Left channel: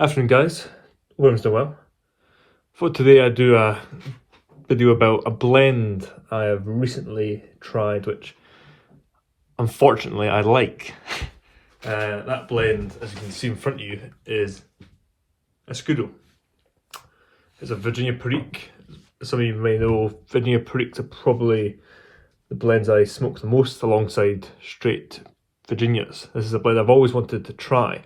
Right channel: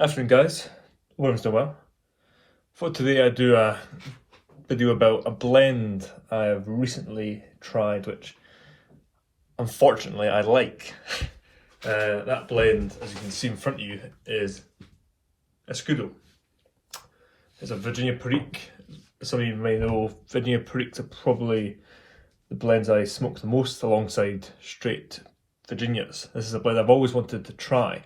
Afternoon guys, hope everyone's doing well. For today I do a video about a blend I have recently tried which unfortunately I like. That blend, as you can see in front of you, is Escudo. It's a Virginia Perique. Some of you may know Virginia Periques are probably the blends I smoke the most alongside straight Virginias. This is a blend I've always wanted to try,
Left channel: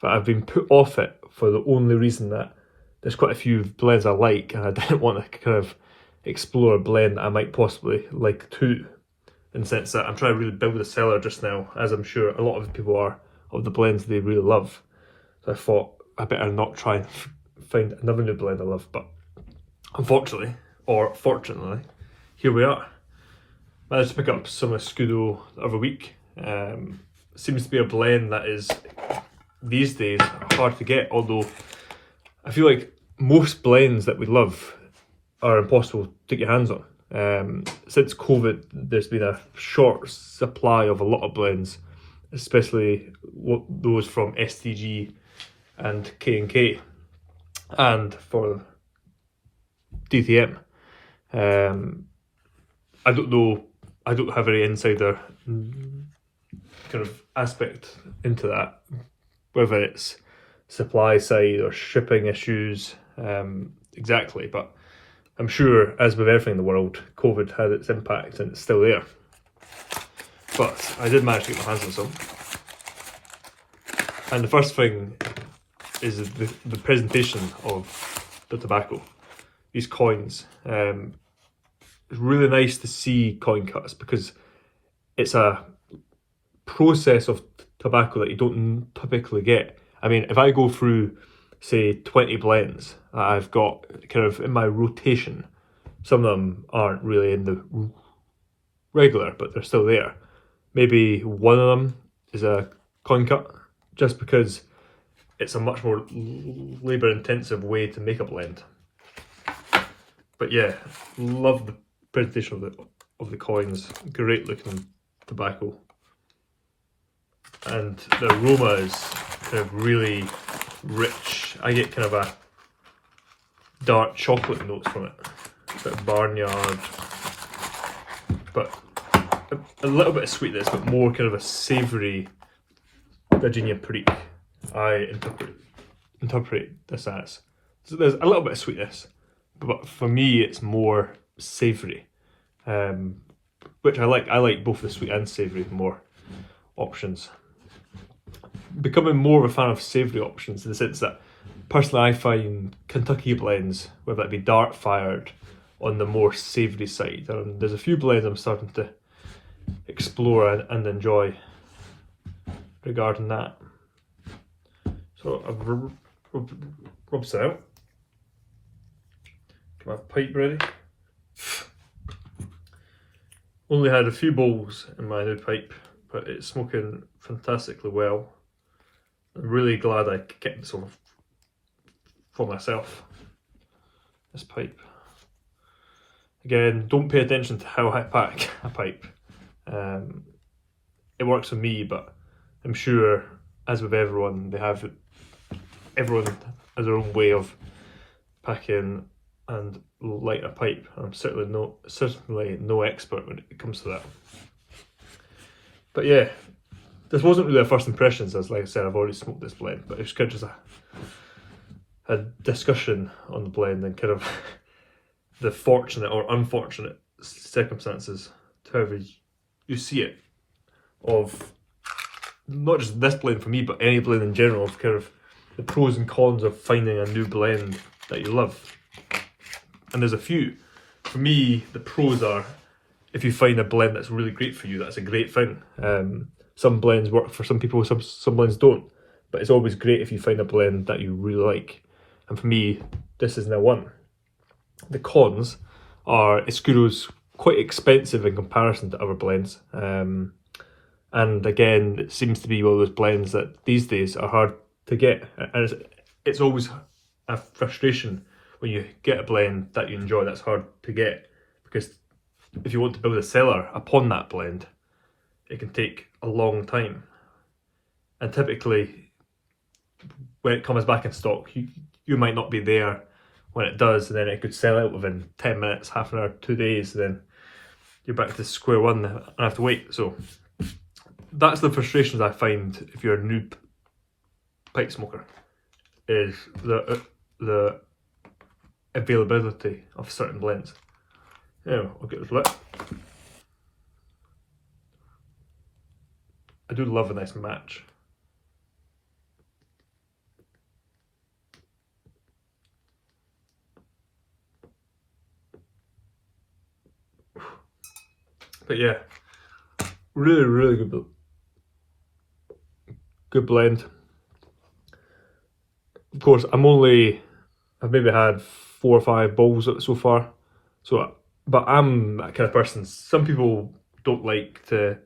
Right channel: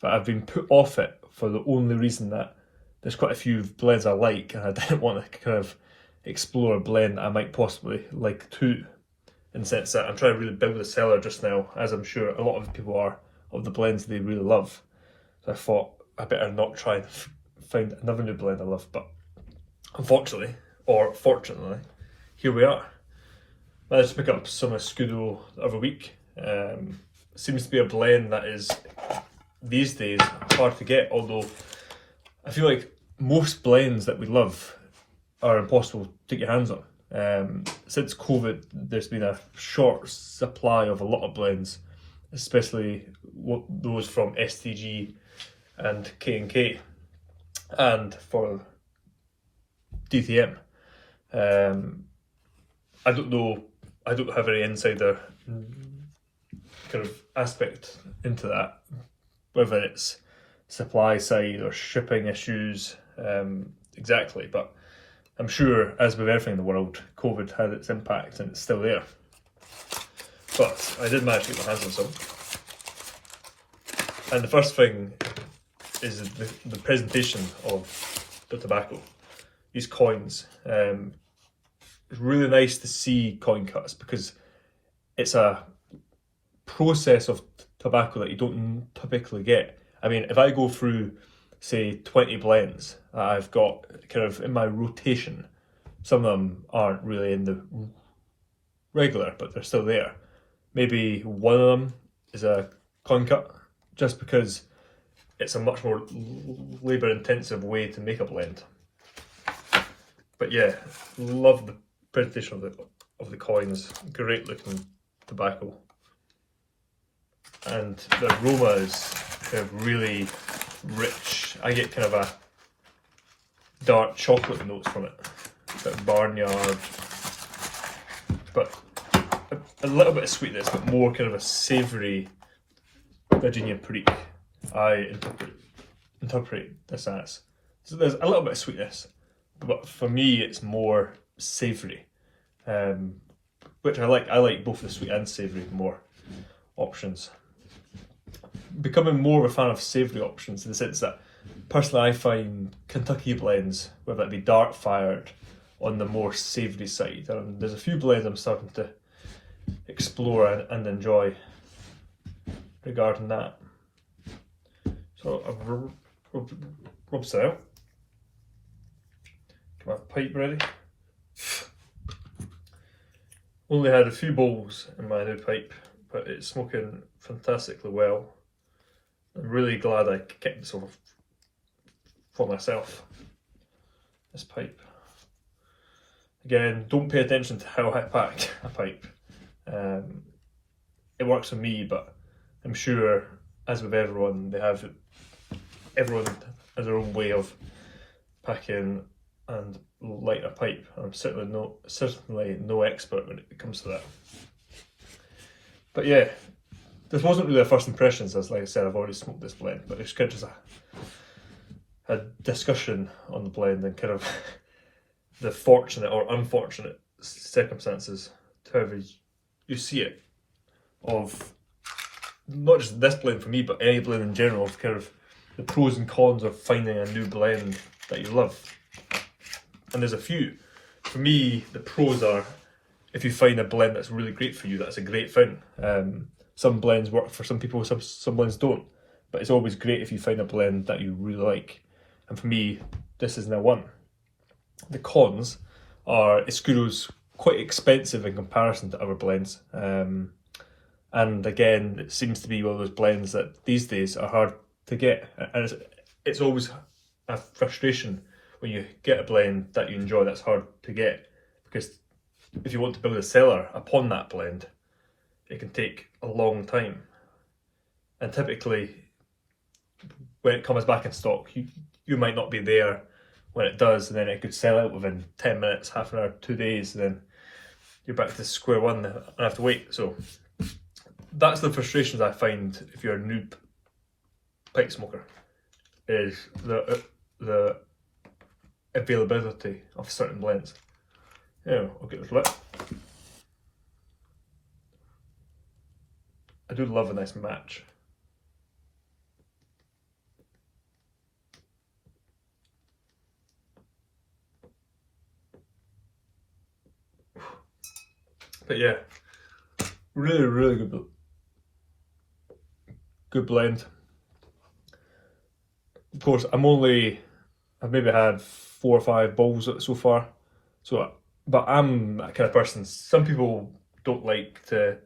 but I've been put off it for the only reason that there's quite a few blends I like and I didn't want to kind of explore a blend I might possibly like too. In the sense that I'm trying to really build the cellar just now, as I'm sure a lot of people are, of the blends they really love. So I thought I better not try and find another new blend I love, but unfortunately, or fortunately, here we are. I just pick up some Escudo every week. Seems to be a blend that is, these days, hard to get, although I feel like most blends that we love are impossible to get your hands on. Since COVID, there's been a short supply of a lot of blends, especially those from STG and K&K, and for DTM. I don't know, I don't have any insider kind of aspect into that, whether it's supply side or shipping issues exactly, but I'm sure, as with everything in the world, COVID had its impact and it's still there. But I did manage to get my hands on some. And the first thing is the presentation of the tobacco. These coins. It's really nice to see coin cuts because it's a process of tobacco that you don't typically get. I mean, if I go through, say, 20 blends I've got kind of in my rotation, some of them aren't really in the regular, but they're still there. Maybe one of them is a coin cut, just because it's a much more labour intensive way to make a blend. But yeah, love the presentation of the coins. Great looking tobacco. And the aroma is kind of really rich. I get kind of a dark chocolate notes from it, a bit barnyard, but a little bit of sweetness, but more kind of a savoury Virginia Perique. I interpret this as. So there's a little bit of sweetness, but for me it's more savoury, which I like. I like both the sweet and savoury more options. Becoming more of a fan of savoury options in the sense that personally I find Kentucky blends, whether that be dark fired, on the more savoury side. There's a few blends I'm starting to explore and enjoy regarding that. So I've rubbed it out. Get my pipe ready. Only had a few bowls in my new pipe, but it's smoking fantastically well. I'm really glad I kept this one for myself, this pipe. Again, don't pay attention to how I pack a pipe. It works for me, but I'm sure, as with everyone, everyone has their own way of packing and lighting a pipe. And I'm certainly no expert when it comes to that. But yeah, this wasn't really a first impressions, as like I said, I've already smoked this blend, but it's kind of just a discussion on the blend and kind of the fortunate or unfortunate circumstances, however you see it, of not just this blend for me, but any blend in general, of kind of the pros and cons of finding a new blend that you love. And there's a few. For me, the pros are, if you find a blend that's really great for you, that's a great thing. Some blends work for some people, some blends don't. But it's always great if you find a blend that you really like. And for me, this is now one. The cons are Escudo's quite expensive in comparison to other blends. And again, it seems to be one of those blends that these days are hard to get. And it's always a frustration when you get a blend that you enjoy that's hard to get. Because if you want to build a cellar upon that blend, it can take a long time. And typically, when it comes back in stock, you might not be there when it does, and then it could sell out within 10 minutes, half an hour, 2 days, then you're back to square one and have to wait. So that's the frustrations I find if you're a new pipe smoker, is the availability of certain blends. Yeah, I'll get this lit. I do love a nice match. But yeah, really good blend. Of course, I've maybe had 4 or 5 bowls so far. So, but I'm that kind of person. Some people don't like to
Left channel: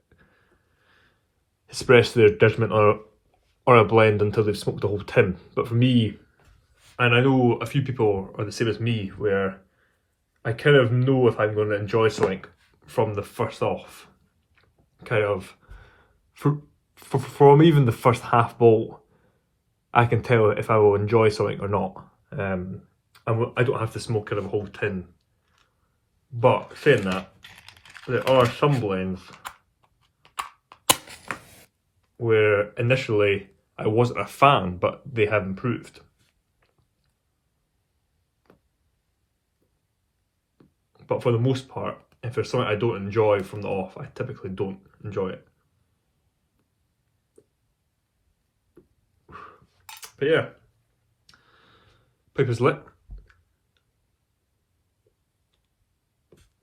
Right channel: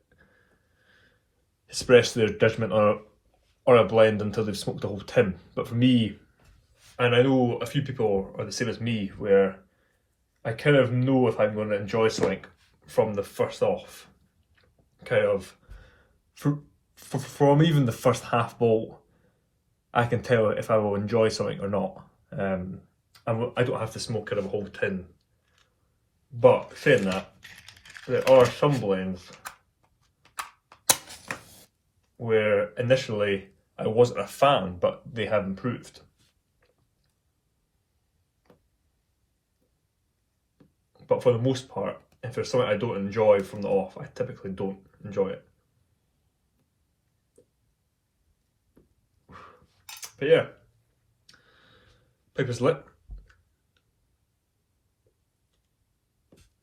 express their judgment on a blend until they've smoked the whole tin. But for me, and I know a few people are the same as me, where I kind of know if I'm going to enjoy something from the first off. Kind of, from even the first half bowl, I can tell if I will enjoy something or not. I don't have to smoke kind of a whole tin. But saying that, there are some blends where initially I wasn't a fan, but they have improved. But for the most part, if there's something I don't enjoy from the off, I typically don't enjoy it. But yeah, pipe is lit.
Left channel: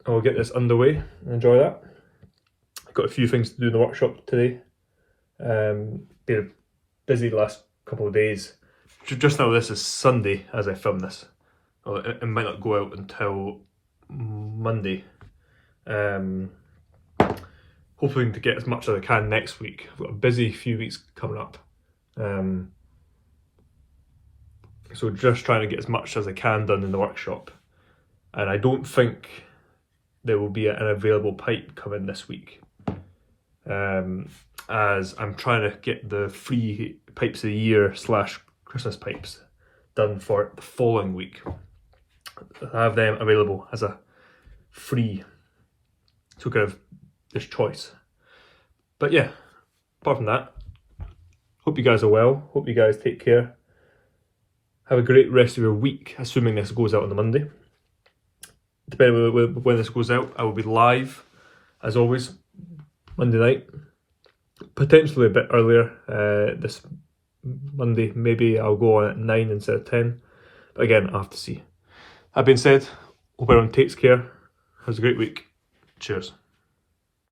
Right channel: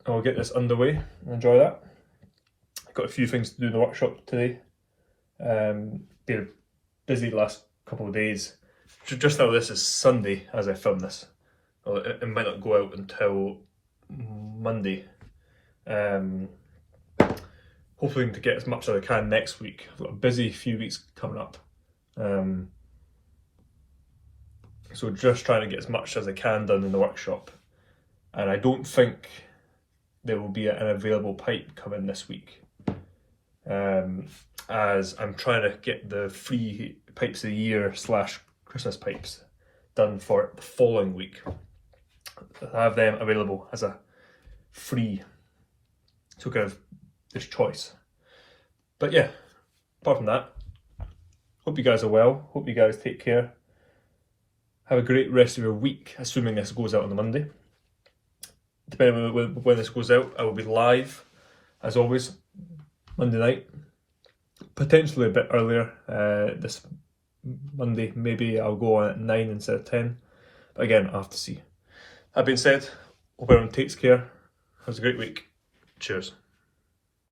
I'll get this underway and enjoy that. I've got a few things to do in the workshop today. Been busy the last couple of days. Just now, this is Sunday as I film this. Well, it might not go out until Monday. Hoping to get as much as I can next week. I've got a busy few weeks coming up. So just trying to get as much as I can done in the workshop. And I don't think there will be an available pipe coming this week. As I'm trying to get the free pipes of the year / Christmas pipes done for the following week. I have them available as a free, so kind of this choice. But yeah, apart from that, hope you guys are well. Hope you guys take care. Have a great rest of your week, assuming this goes out on the Monday. Depending on when this goes out, I will be live, as always, Monday night. Potentially a bit earlier this Monday. Maybe I'll go on at 9 instead of 10. But again, I'll have to see. That being said, hope everyone takes care. Has a great week. Cheers.